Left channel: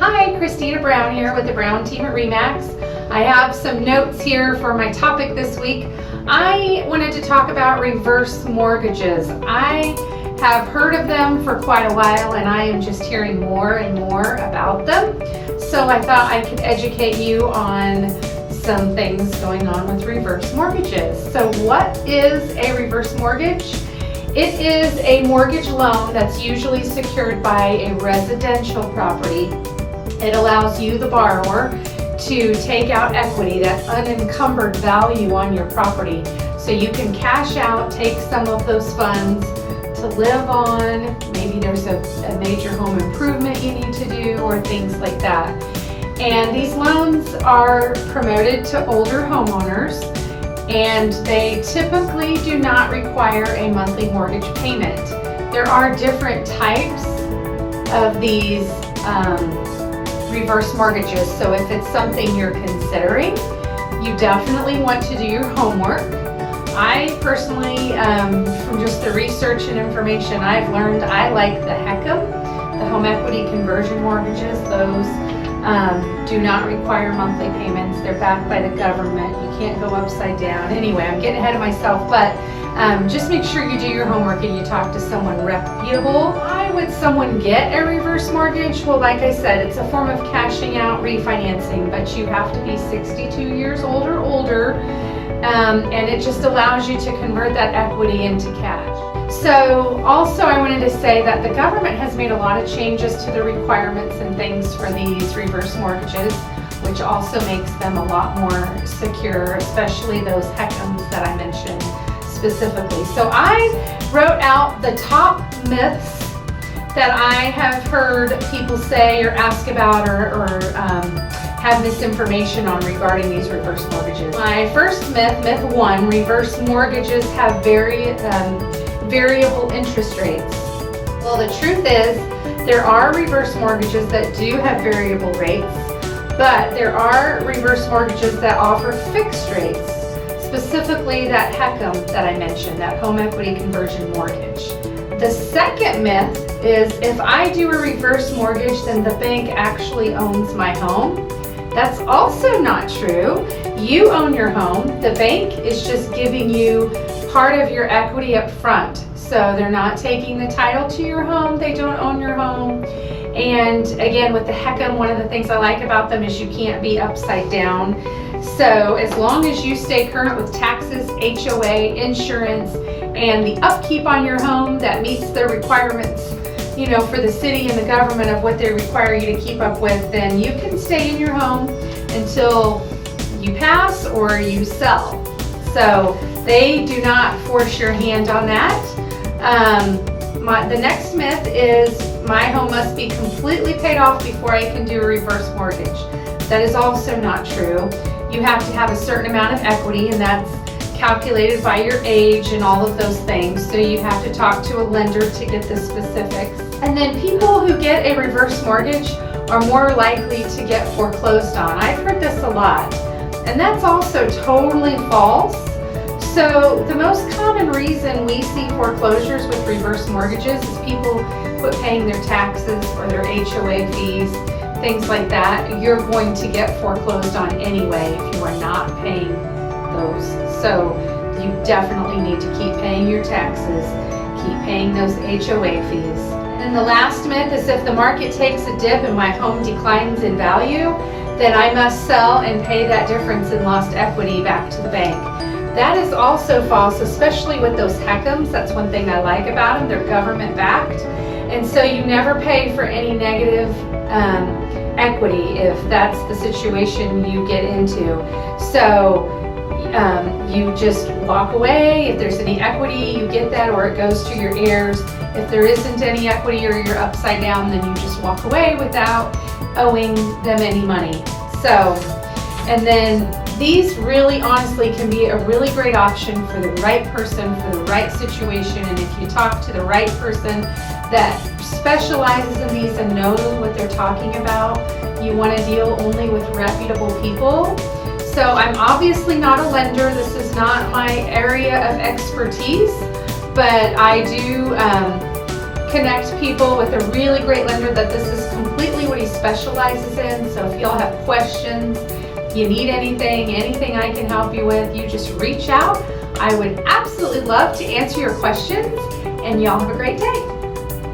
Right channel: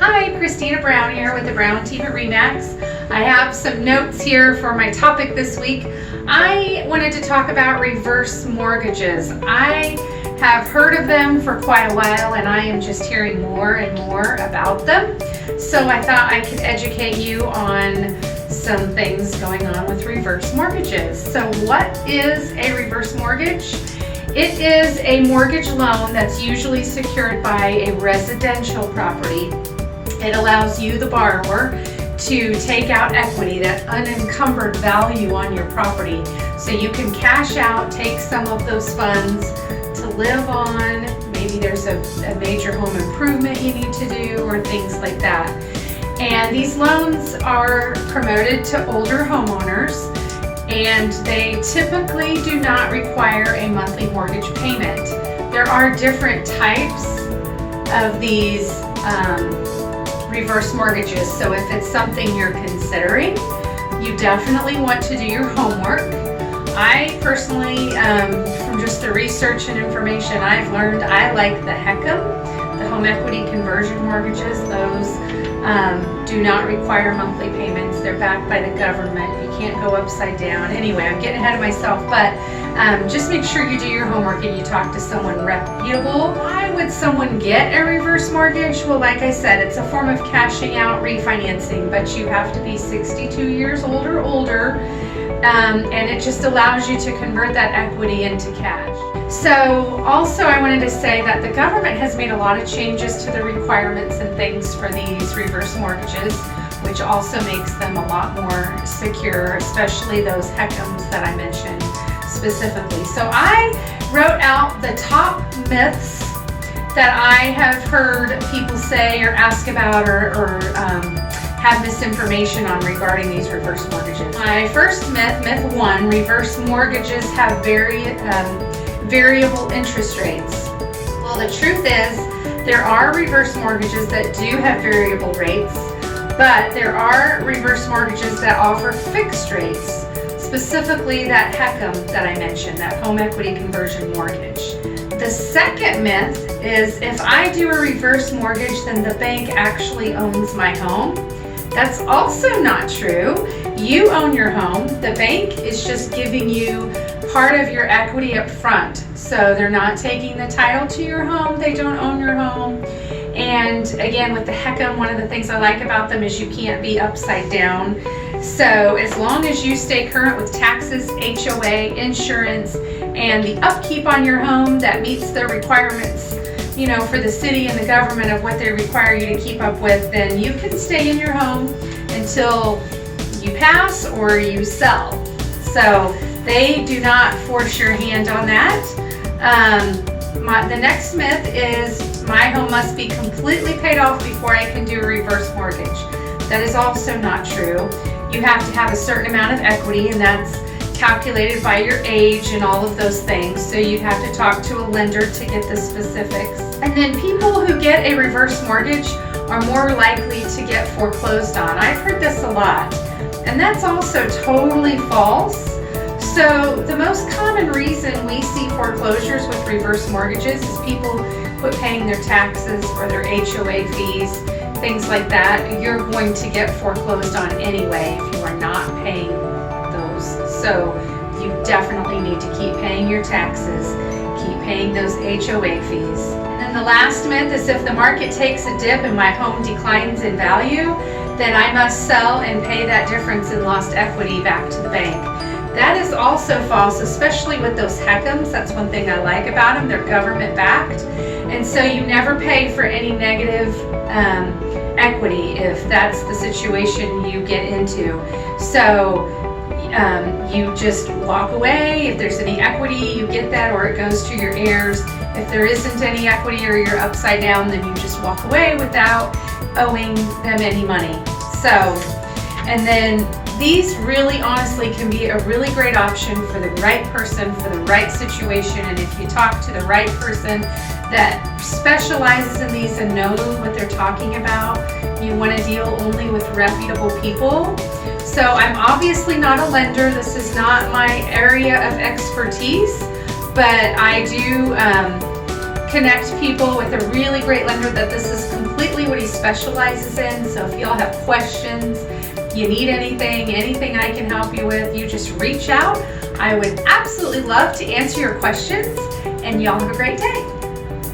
Hi, Christina Brown here with the Brown team at RE/MAX. I have some notes here for my topic this week. I wanted to talk about reverse mortgages. I have heard of them for quite a while and I am just hearing more and more about them. So I thought I could educate you on some things going on with reverse mortgages. So what is a reverse mortgage? It is a mortgage loan that's usually secured by a residential property. It allows you, the borrower, to take out equity, that unencumbered value on your property. So you can cash out, take some of those funds to live on. Maybe there's a major home improvement you need to do or things like that. And these loans are promoted to older homeowners, and they typically do not require a monthly mortgage payment. There are different types of these reverse mortgages, so if it's something you're considering, you definitely want to do your homework. I personally, from just the research and information I've learned, I like the HECM, the home equity conversion mortgages. Those do not require monthly payments. They're backed by the government. You can't go upside down. Anyway, I'm getting ahead of myself, but just make sure you do your homework and you talk to someone reputable. Why would someone get a reverse mortgage? Well, like I said, it's a form of cashing out, refinancing, but you have to be 62 years old or older, and it just allows you to convert that equity into cash. So also I wanted to say that the government has made a lot of changes to the requirements and things for these reverse mortgages, which also makes them a lot more secure, especially those HECMs that I mentioned specifically. So I wrote out the top myths that I have heard people say or ask about or have misinformation on regarding these reverse mortgages. My first myth one, reverse mortgages have variable interest rates. Well, the truth is there are reverse mortgages that do have variable rates, but there are reverse mortgages that offer fixed rates, specifically that HECM that I mentioned, that home equity conversion mortgage. The second myth is if I do a reverse mortgage, then the bank actually owns my home. That's also not true. You own your home. The bank is just giving you part of your equity up front. So they're not taking the title to your home. They don't own your home. And again, with the HECM, one of the things I like about them is you can't be upside down. So as long as you stay current with taxes, HOA, insurance, and the upkeep on your home that meets the requirements, you know, for the city and the government of what they require you to keep up with, then you can stay in your home until you pass or you sell. So they do not force your hand on that. The next myth is my home must be completely paid off before I can do a reverse mortgage. That is also not true. You have to have a certain amount of equity, and that's calculated by your age and all of those things. So you have to talk to a lender to get the specifics. And then people who get a reverse mortgage are more likely to get foreclosed on. I've heard this a lot, and that's also totally false. So the most common reason we see foreclosures with reverse mortgages is people quit paying their taxes or their HOA fees, things like that. You're going to get foreclosed on anyway if you are not paying those. So you definitely need to keep paying your taxes, keep paying those HOA fees. And the last myth is if the market takes a dip and my home declines in value, then I must sell and pay that difference in lost equity back to the bank. That is also false, especially with those HECMs. That's one thing I like about them. They're government backed. And so you never pay for any negative equity if that's the situation you get into. So you just walk away. If there's any equity, you get that, or it goes to your heirs. If there isn't any equity or you're upside down, then you just walk away without owing them any money. So, and then these really honestly can be a really great option for the right person, for the right situation. And if you talk to the right person that specializes in these and knows what they're talking about, you want to deal only with reputable people. So I'm obviously not a lender. This is not my area of expertise, but I do connect people with a really great lender that this is completely what he's specializes in. So if y'all have questions, you need anything I can help you with, you just reach out. I would absolutely love to answer your questions, and y'all have a great day.